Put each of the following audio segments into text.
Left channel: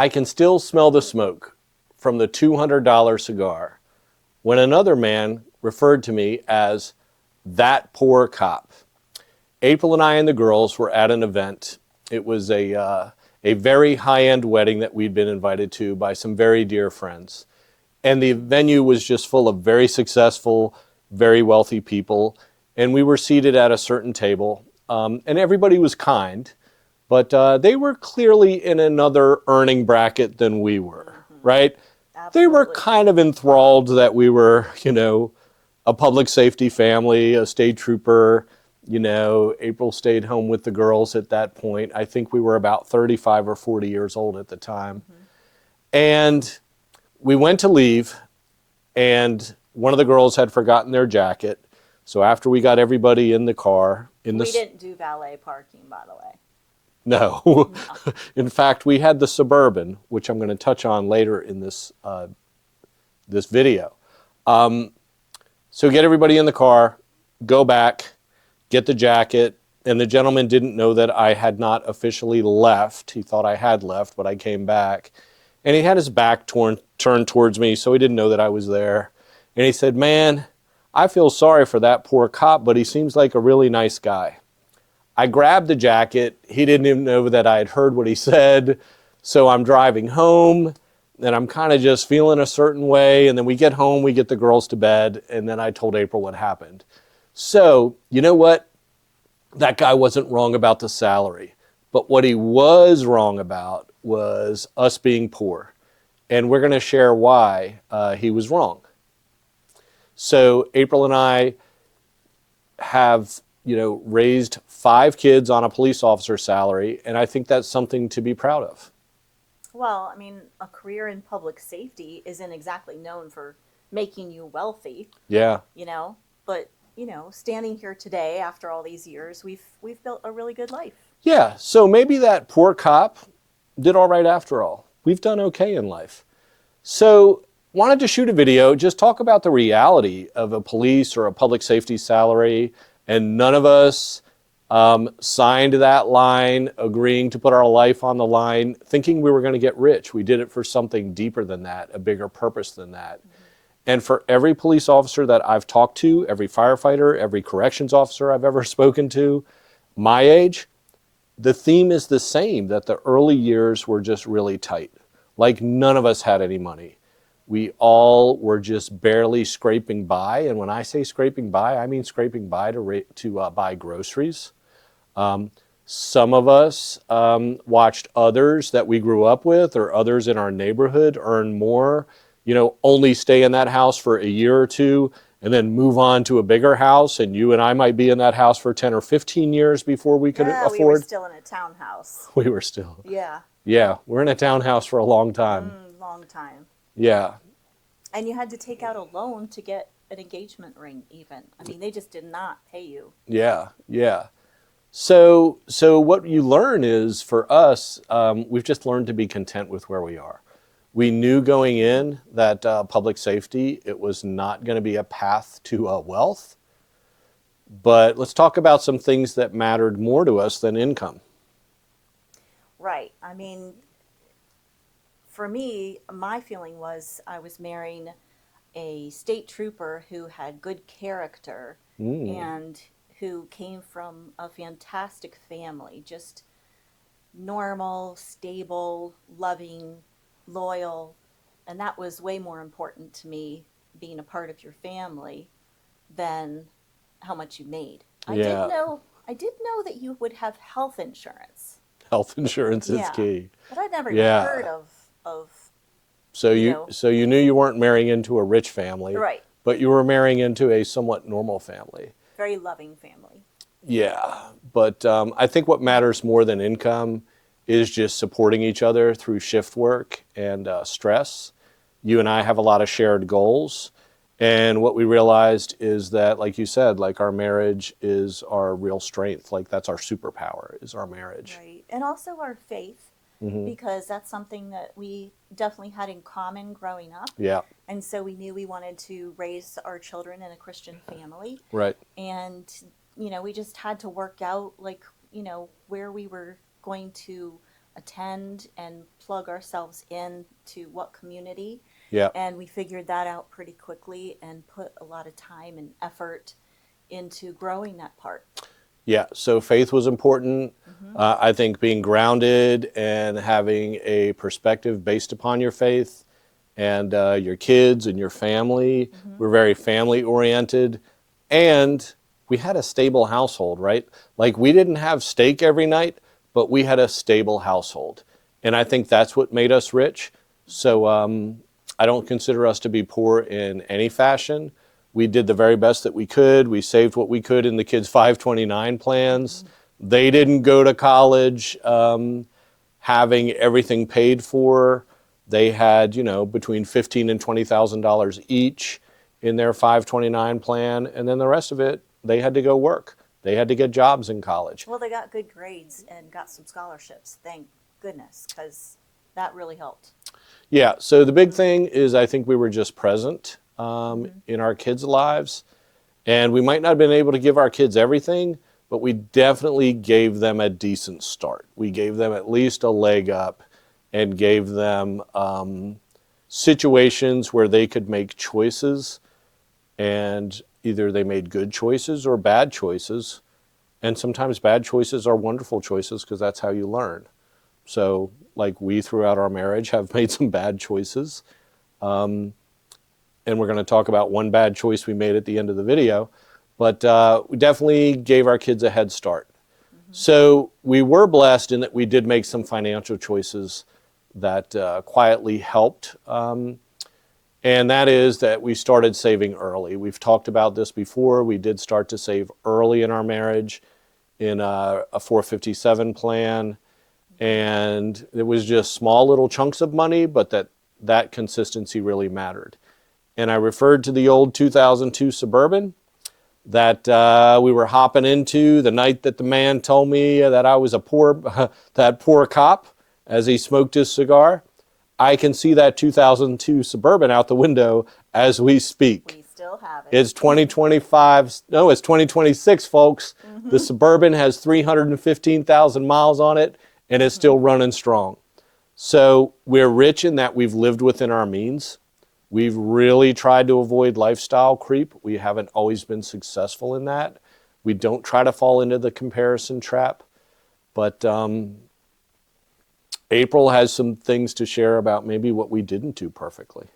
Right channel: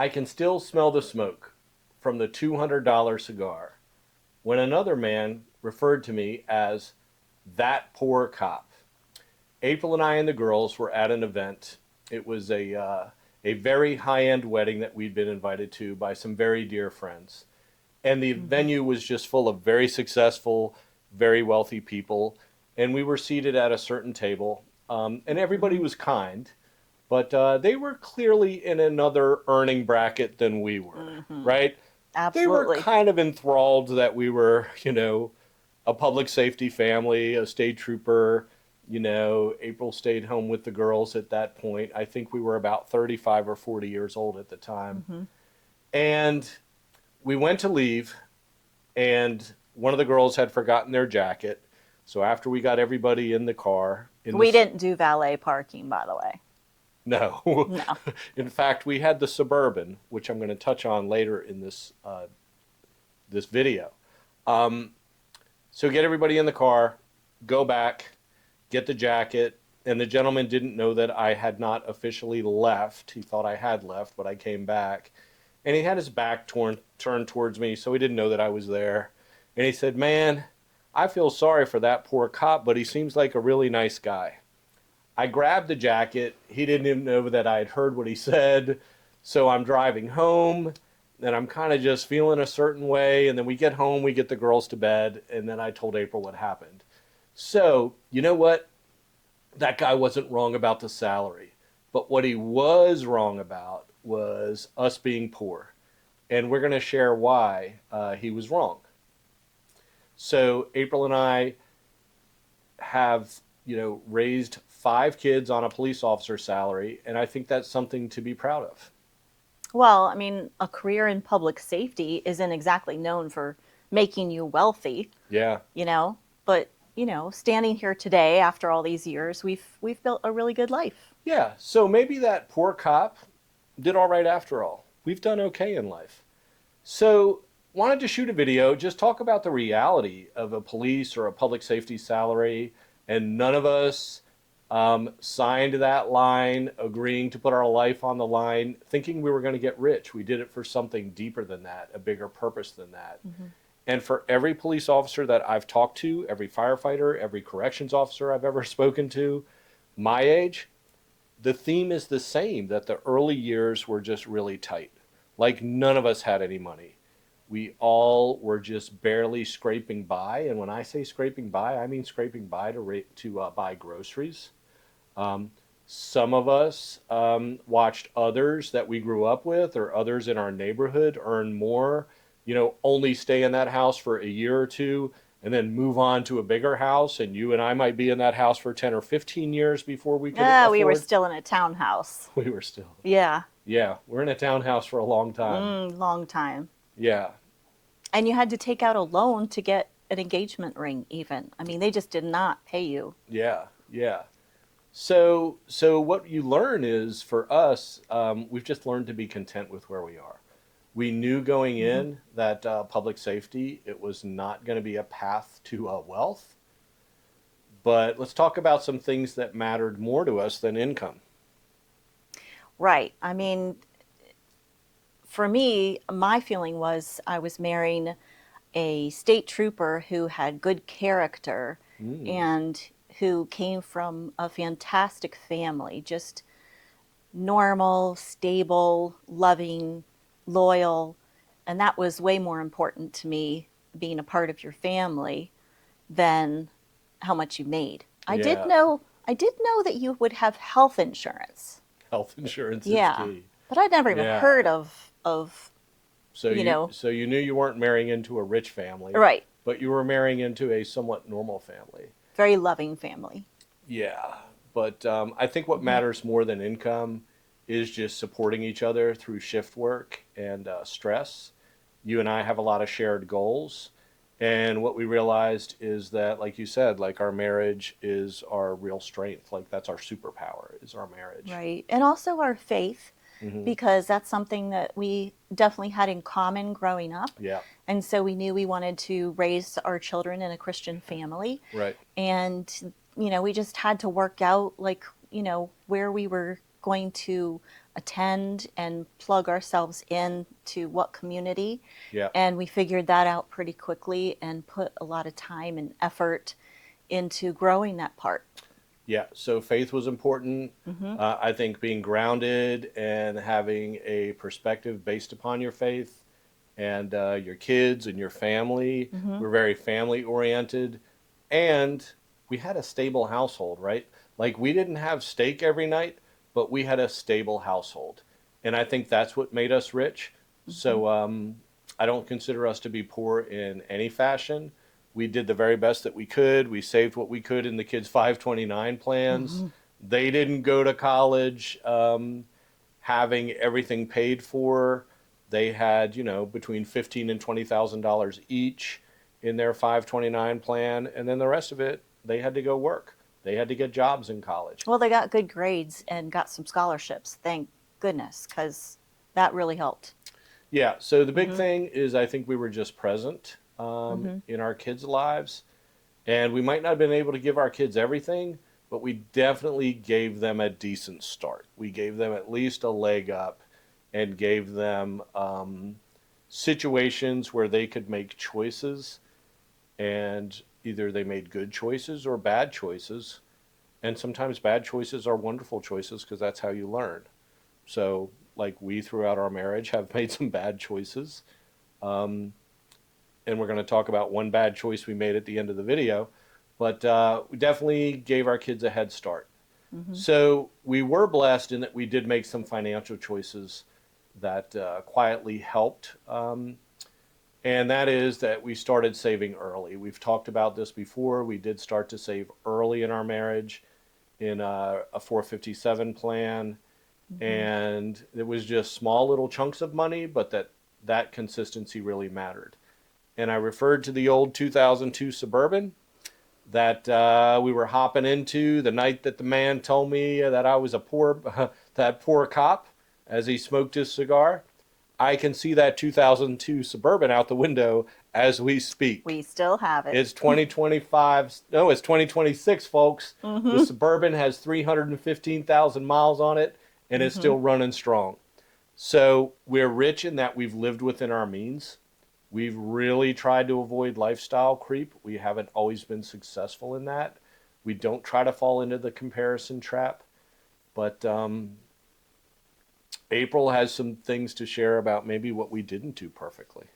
I can still smell the smoke from the $200 cigar when another man referred to me as that poor cop. April and I and the girls were at an event. It was a very high-end wedding that we'd been invited to by some very dear friends. And the venue was just full of very successful, very wealthy people. And we were seated at a certain table. And everybody was kind, but they were clearly in another earning bracket than we were, right? Absolutely. They were kind of enthralled that we were, a public safety family, a state trooper. April stayed home with the girls at that point. I think we were about 35 or 40 years old at the time. And we went to leave, and one of the girls had forgotten their jacket. So after we got everybody in the car... We didn't do valet parking, by the way. No. No. In fact, we had the Suburban, which I'm going to touch on later in this video. So get everybody in the car, go back, get the jacket, and the gentleman didn't know that I had not officially left. He thought I had left, but I came back. And he had his back turned towards me, so he didn't know that I was there. And he said, "Man, I feel sorry for that poor cop, but he seems like a really nice guy." I grabbed the jacket. He didn't even know that I had heard what he said. So I'm driving home, and I'm kind of just feeling a certain way. And then we get home, we get the girls to bed, and then I told April what happened. So, you know what? That guy wasn't wrong about the salary. But what he was wrong about was us being poor. And we're going to share why he was wrong. So April and I have, raised 5 kids on a police officer's salary, and I think that's something to be proud of. Well, I mean, a career in public safety isn't exactly known for making you wealthy. Yeah. But standing here today after all these years, we've built a really good life. Yeah, so maybe that poor cop did all right after all. We've done okay in life. So wanted to shoot a video, just talk about the reality of a police or a public safety salary, and none of us signed that line, agreeing to put our life on the line, thinking we were going to get rich. We did it for something deeper than that, a bigger purpose than that. And for every police officer that I've talked to, every firefighter, every corrections officer I've ever spoken to, my age, the theme is the same, that the early years were just really tight. Like none of us had any money. We all were just barely scraping by. And when I say scraping by, I mean scraping by to buy groceries. Some of us watched others that we grew up with or others in our neighborhood earn more, only stay in that house for a year or two and then move on to a bigger house. And you and I might be in that house for 10 or 15 years before we could afford. We were still in a townhouse. We were still. Yeah. Yeah, we're in a townhouse for a long time. Long time. Yeah. And you had to take out a loan to get an engagement ring even. I mean, they just did not pay you. Yeah, yeah. So what you learn is, for us, we've just learned to be content with where we are. We knew going in that public safety, it was not going to be a path to wealth. But let's talk about some things that mattered more to us than income. Right. I mean, for me, my feeling was I was marrying a state trooper who had good character and who came from a fantastic family, just normal, stable, loving, loyal. And that was way more important to me, being a part of your family, than how much you made. I did know that you would have health insurance. Health insurance is key. But I'd never even heard of so you knew you weren't marrying into a rich family. Right. But you were marrying into a somewhat normal family. Very loving family. Yeah. But I think what matters more than income is just supporting each other through shift work and stress. You and I have a lot of shared goals. And what we realized is that, like you said, like our marriage is our real strength. Like that's our superpower, is our marriage. Right. And also our faith, because that's something that we definitely had in common growing up. Yeah. And so we knew we wanted to raise our children in a Christian family. Right. And, we just had to work out, where we were going to attend and plug ourselves in to what community. Yeah. And we figured that out pretty quickly and put a lot of time and effort into growing that part. Yeah, so faith was important. I think being grounded and having a perspective based upon your faith and your kids and your family. We're very family oriented. And we had a stable household, right? Like we didn't have steak every night, but we had a stable household. And I think that's what made us rich. So I don't consider us to be poor in any fashion. We did the very best that we could. We saved what we could in the kids' 529 plans. They didn't go to college having everything paid for. They had, you know, between $15,000 and $20,000 each in their 529 plan, and then the rest of it, they had to go work. They had to get jobs in college. Well, they got good grades and got some scholarships, thank goodness, because that really helped. Yeah, so the big thing is I think we were just present in our kids' lives. And we might not have been able to give our kids everything, but we definitely gave them a decent start. We gave them at least a leg up and gave them situations where they could make choices. And either they made good choices or bad choices. And sometimes bad choices are wonderful choices because that's how you learn. So, like we throughout our marriage have made some bad choices. And we're going to talk about one bad choice we made at the end of the video. But we definitely gave our kids a head start. So we were blessed in that we did make some financial choices that quietly helped. And that is that we started saving early. We've talked about this before. We did start to save early in our marriage in a 457 plan. And it was just small little chunks of money, but that consistency really mattered. And I referred to the old 2002 Suburban that we were hopping into the night that the man told me that I was that poor cop as he smoked his cigar. I can see that 2002 Suburban out the window as we speak. We still have it. It's 2025. No, it's 2026, folks. The Suburban has 315,000 miles on it and is still running strong. So we're rich in that we've lived within our means. We've really tried to avoid lifestyle creep. We haven't always been successful in that. We don't try to fall into the comparison trap. But April has some things to share about maybe what we didn't do perfectly.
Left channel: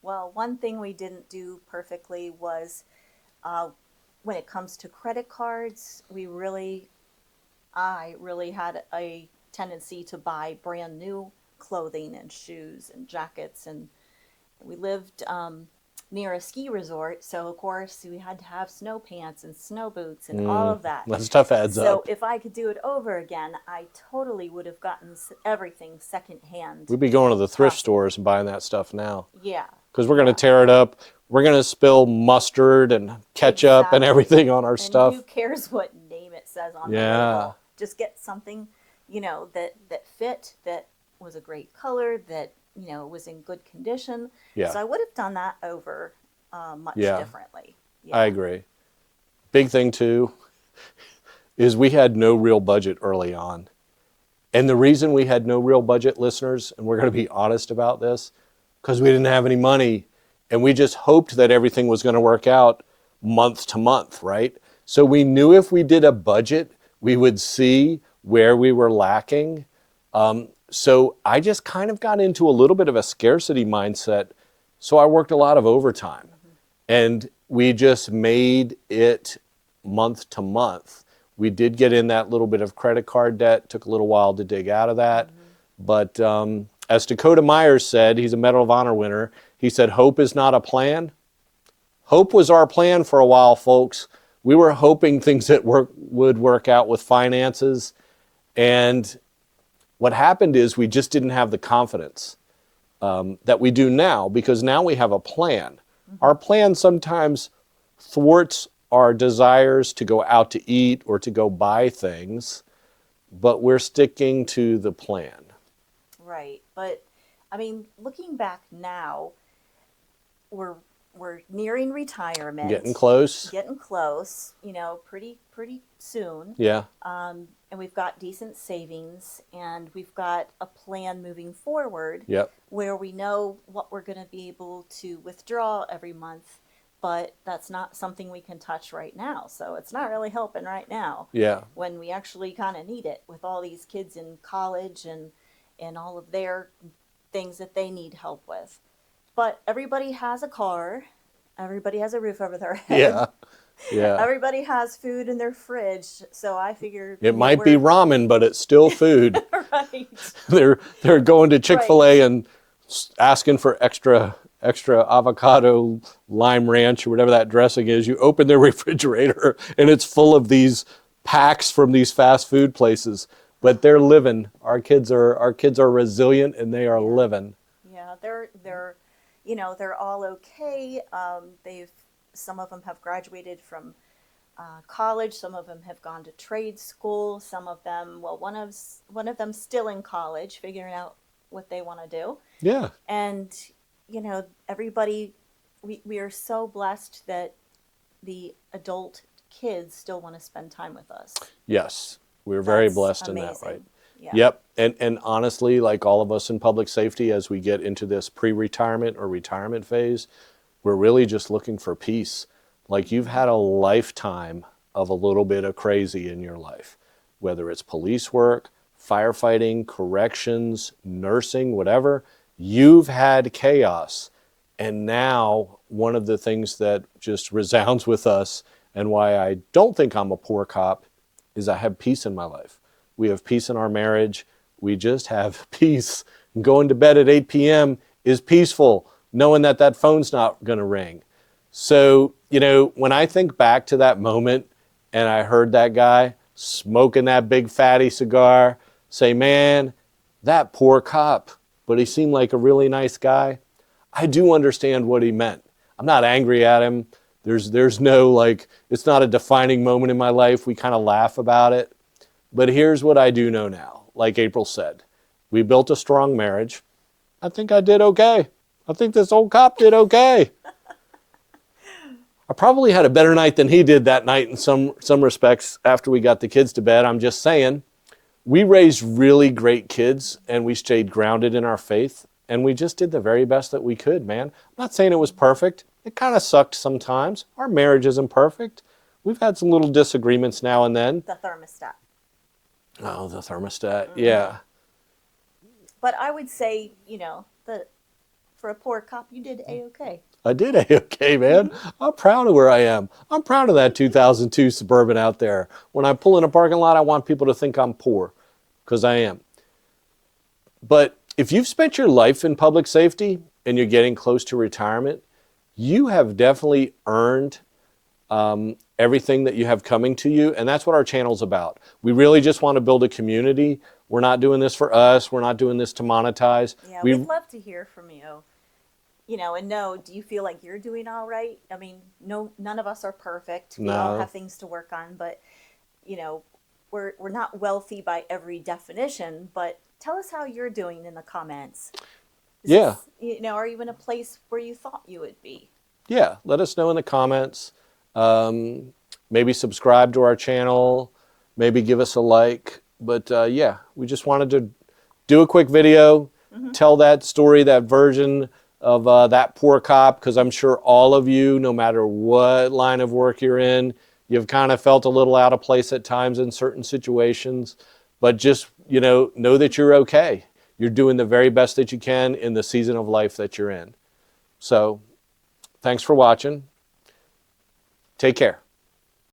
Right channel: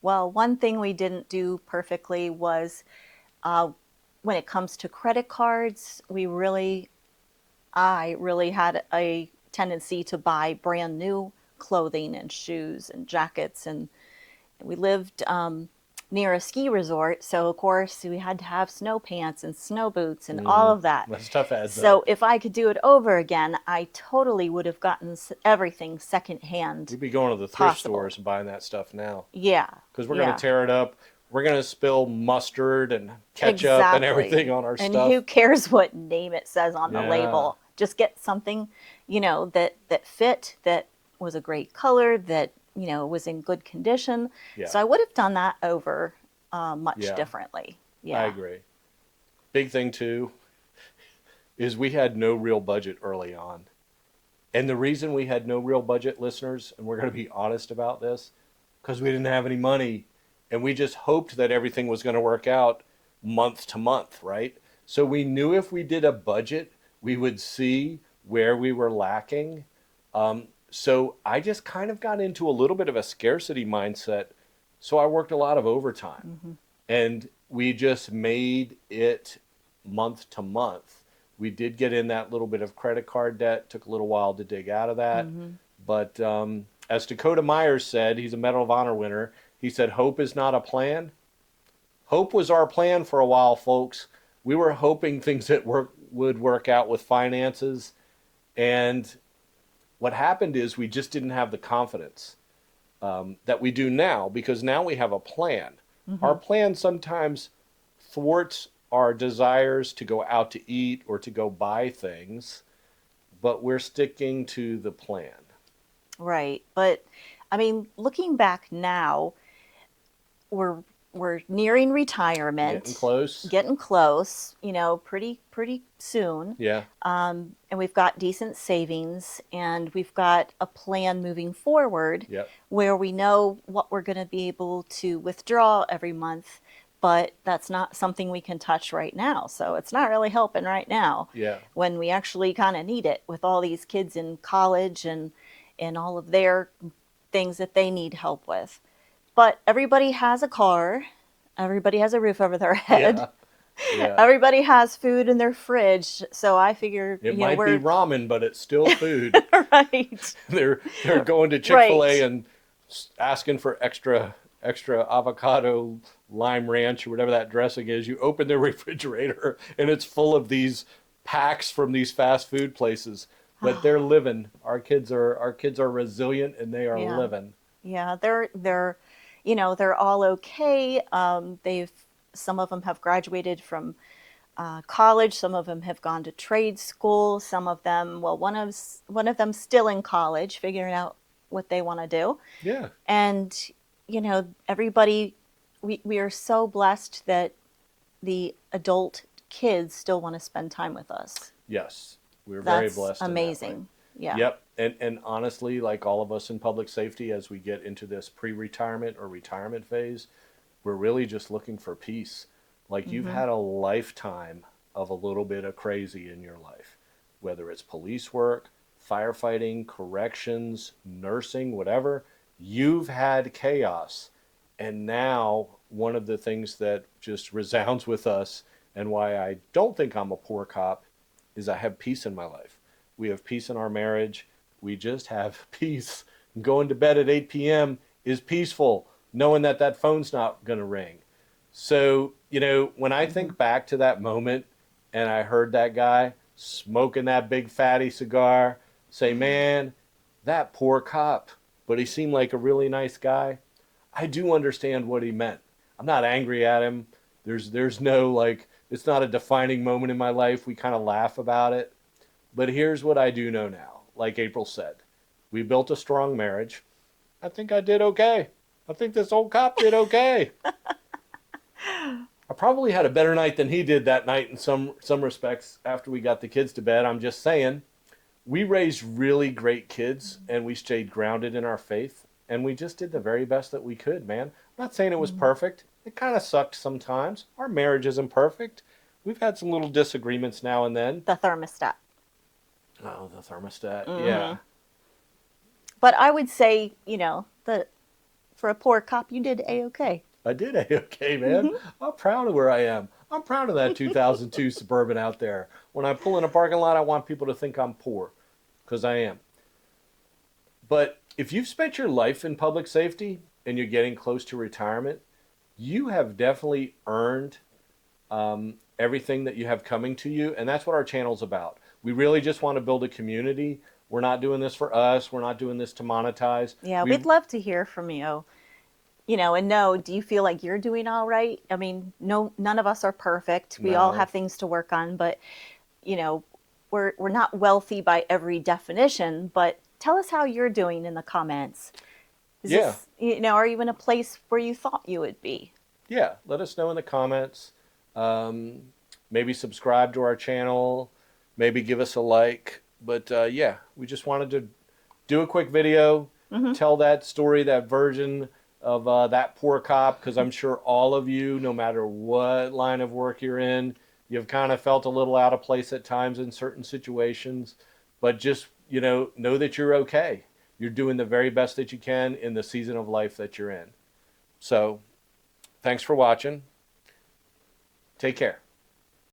Well, one thing we didn't do perfectly was when it comes to credit cards, I really had a tendency to buy brand new clothing and shoes and jackets. And we lived near a ski resort, so of course we had to have snow pants and snow boots and all of that. That stuff adds up. So if I could do it over again, I totally would have gotten everything secondhand. We'd be going to the thrift stores and buying that stuff now. Yeah. Because we're going to tear it up. We're going to spill mustard and ketchup and everything on our stuff. And who cares what name it says on the label? Just get something, you know, that fit, that was a great color, that, you know, was in good condition. Yeah. So I would have done that over much differently. Yeah. I agree. Big thing too is we had no real budget early on. And the reason we had no real budget, listeners, and we're going to be honest about this, because we didn't have any money and we just hoped that everything was going to work out month to month, right? So we knew if we did a budget, we would see where we were lacking. So I just kind of got into a little bit of a scarcity mindset. So I worked a lot of overtime and we just made it month to month. We did get in that little bit of credit card debt, took a little while to dig out of that. But as Dakota Myers said, he's a Medal of Honor winner, he said, hope is not a plan. Hope was our plan for a while, folks. We were hoping things would work out with finances. And what happened is we just didn't have the confidence that we do now, because now we have a plan. Our plan sometimes thwarts our desires to go out to eat or to go buy things, but we're sticking to the plan. Right. But I mean, looking back now, we're we're nearing retirement. Getting close. Getting close, you know, pretty soon. Yeah. And we've got decent savings, and we've got a plan moving forward Yep. where we know what we're going to be able to withdraw every month, but that's not something we can touch right now. So it's not really helping right now. Yeah. When we actually kind of need it with all these kids in college and all of their things that they need help with. But everybody has a car. Everybody has a roof over their head. Yeah. Yeah. Everybody has food in their fridge. So I figure It might be ramen, but it's still food. right. They're going to Chick-fil-A Right. and asking for extra avocado lime ranch or whatever that dressing is. You open their refrigerator and it's full of these packs from these fast food places. But they're living. Our kids are resilient and they are Yeah. living. Yeah, they're you know, they're all okay. Some of them have graduated from college. Some of them have gone to trade school. Some of them, well, one of them still in college, figuring out what they want to do. Yeah. And you know, everybody, we are so blessed that the adult kids still want to spend time with us. Yes. We're very That's blessed in that way. amazing. Yeah. Yep. And honestly, like all of us in public safety, as we get into this pre-retirement or retirement phase, we're really just looking for peace. Like you've had a lifetime of a little bit of crazy in your life, whether it's police work, firefighting, corrections, nursing, whatever. You've had chaos. And now one of the things that just resounds with us and why I don't think I'm a poor cop is I have peace in my life. We have peace in our marriage. We just have peace. Going to bed at 8 p.m. is peaceful, knowing that that phone's not going to ring. So, you know, when I think back to that moment and I heard that guy smoking that big fatty cigar say, man, that poor cop, but he seemed like a really nice guy. I do understand what he meant. I'm not angry at him. There's no, like, it's not a defining moment in my life. We kind of laugh about it. But here's what I do know now. Like April said, we built a strong marriage. I think I did okay. I think this old cop did okay. I probably had a better night than he did that night in some respects after we got the kids to bed. I'm just saying, we raised really great kids and we stayed grounded in our faith. And we just did the very best that we could, man. I'm not saying it was perfect. It kind of sucked sometimes. Our marriage isn't perfect. We've had some little disagreements now and then. The thermostat. Oh, the thermostat. Yeah. But I would say, you know, for a poor cop, you did A-okay. I did A-okay, man. I'm proud of where I am. I'm proud of that 2002 Suburban out there. When I pull in a parking lot, I want people to think I'm poor, because I am. But if you've spent your life in public safety and you're getting close to retirement, you have definitely earned everything that you have coming to you. And that's what our channel's about. We really just want to build a community. We're not doing this for us. We're not doing this to monetize. Yeah, we'd love to hear from you. You know, and do you feel like you're doing all right? I mean, no, none of us are perfect. We all No. have things to work on, but you know, we're not wealthy by every definition, but tell us how you're doing in the comments. Yeah. You know, are you in a place where you thought you would be? Yeah, let us know in the comments. Maybe subscribe to our channel. Maybe give us a like. But yeah, we just wanted to do a quick video, tell that story, that version of that poor cop, because I'm sure all of you, no matter what line of work you're in, you've kind of felt a little out of place at times in certain situations. But just, you know that you're okay. You're doing the very best that you can in the season of life that you're in. So, thanks for watching. Take care.